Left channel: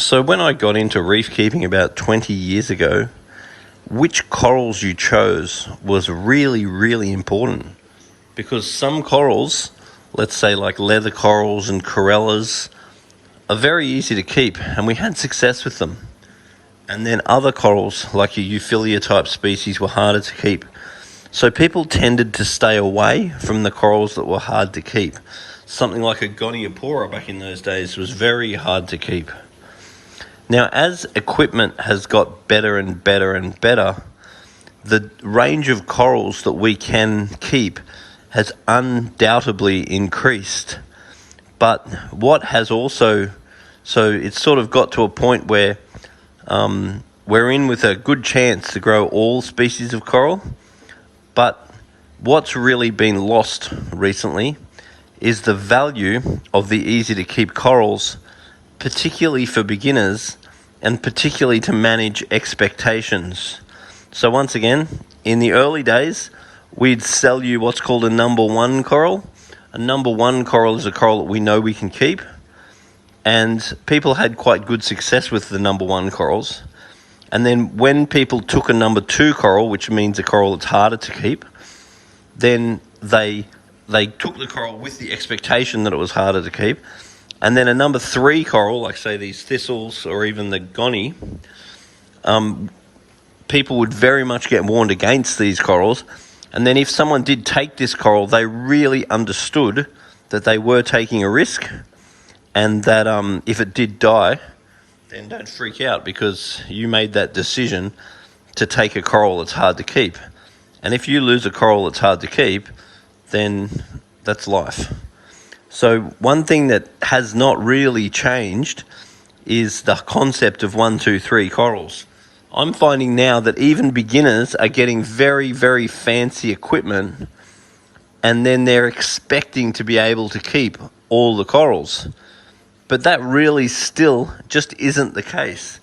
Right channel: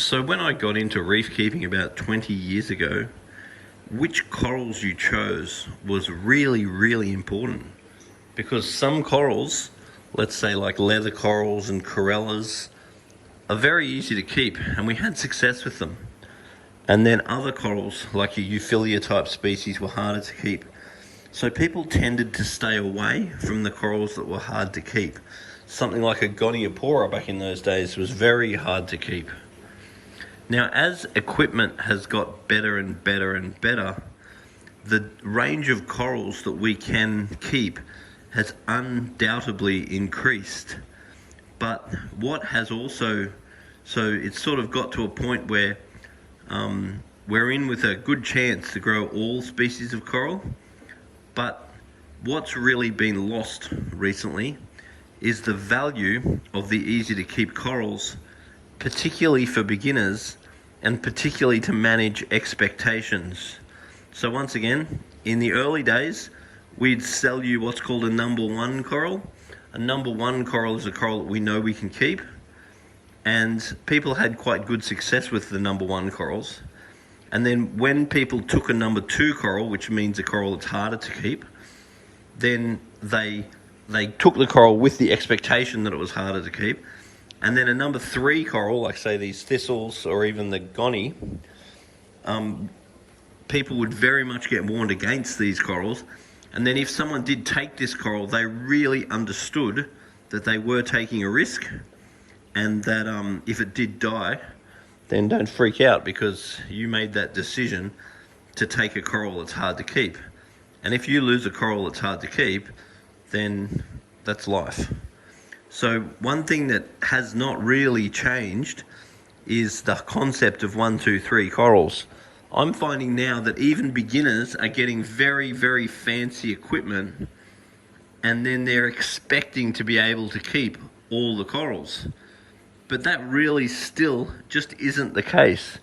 So when I got into reef keeping about 20 years ago, which corals you chose was really, really important, because some corals, let's say like leather corals and corellas, are very easy to keep and we had success with them. And then other corals, like your Euphyllia type species, were harder to keep. So people tended to stay away from the corals that were hard to keep. Something like a Goniopora back in those days was very hard to keep. Now, as equipment has got better and better and better, the range of corals that we can keep has undoubtedly increased. But what has also, so it's sort of got to a point where we're in with a good chance to grow all species of coral. But what's really been lost recently is the value of the easy to keep corals, particularly for beginners and particularly to manage expectations. So once again, in the early days, we'd sell you what's called a number one coral. A number one coral is a coral that we know we can keep, and people had quite good success with the number one corals. And then when people took a number two coral, which means a coral that's harder to keep, then they took the coral with the expectation that it was harder to keep. And then a number three coral, like say these thistles or even the goni, people would very much get warned against these corals. And then if someone did take this coral, they really understood that they were taking a risk, and that if it did die, then don't freak out, because you made that decision to take a coral that's hard to keep. And if you lose a coral that's hard to keep, then that's life. So one thing that has not really changed is the concept of 1, 2, 3 corals. I'm finding now that even beginners are getting very, very fancy equipment, and then they're expecting to be able to keep all the corals. But that really still just isn't the case.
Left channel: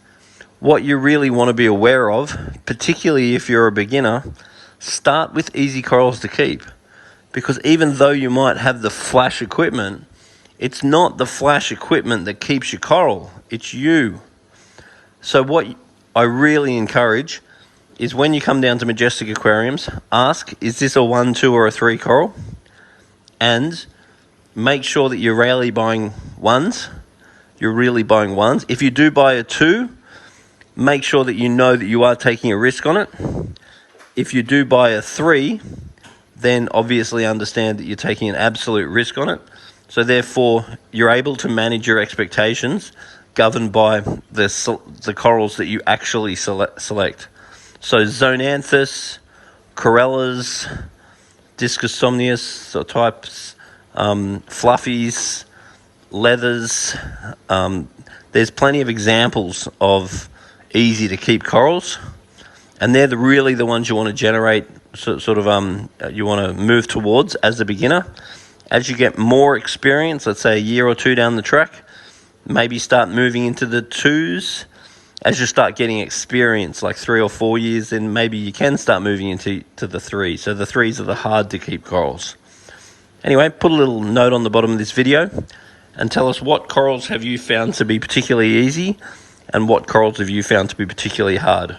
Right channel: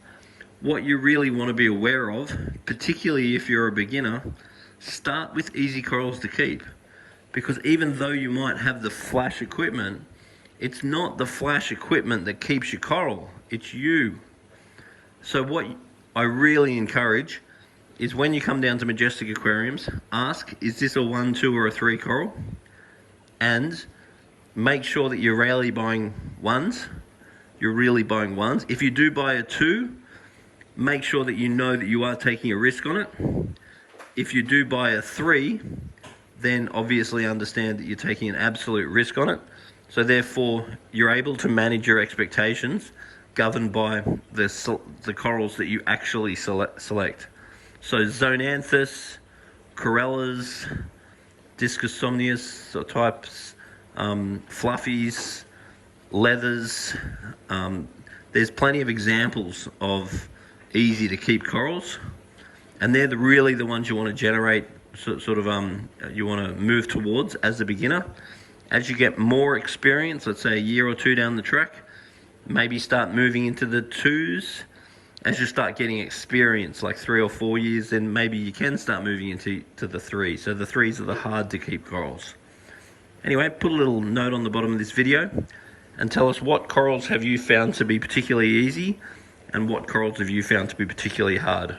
What you really want to be aware of, particularly if you're a beginner, start with easy corals to keep. Because even though you might have the flash equipment, it's not the flash equipment that keeps your coral, it's you. So what I really encourage is, when you come down to Majestic Aquariums, ask, is this a 1, 2 or a 3 coral? And make sure that you're really buying ones. You're really buying ones. If you do buy a 2, make sure that you know that you are taking a risk on it. If you do buy a 3, then obviously understand that you're taking an absolute risk on it. So therefore, you're able to manage your expectations governed by the corals that you actually select. So Zonanthus, corellas, Discosomnius types, fluffies, leathers. There's plenty of examples of easy to keep corals, and they're really the ones you want to generate, you want to move towards as a beginner. As you get more experience, let's say a year or 2 down the track, maybe start moving into the 2s. As you start getting experience, like 3 or 4 years, then maybe you can start moving into the 3s. So the 3s are the hard to keep corals. Anyway, put a little note on the bottom of this video and tell us, what corals have you found to be particularly easy, and what corals have you found to be particularly hard?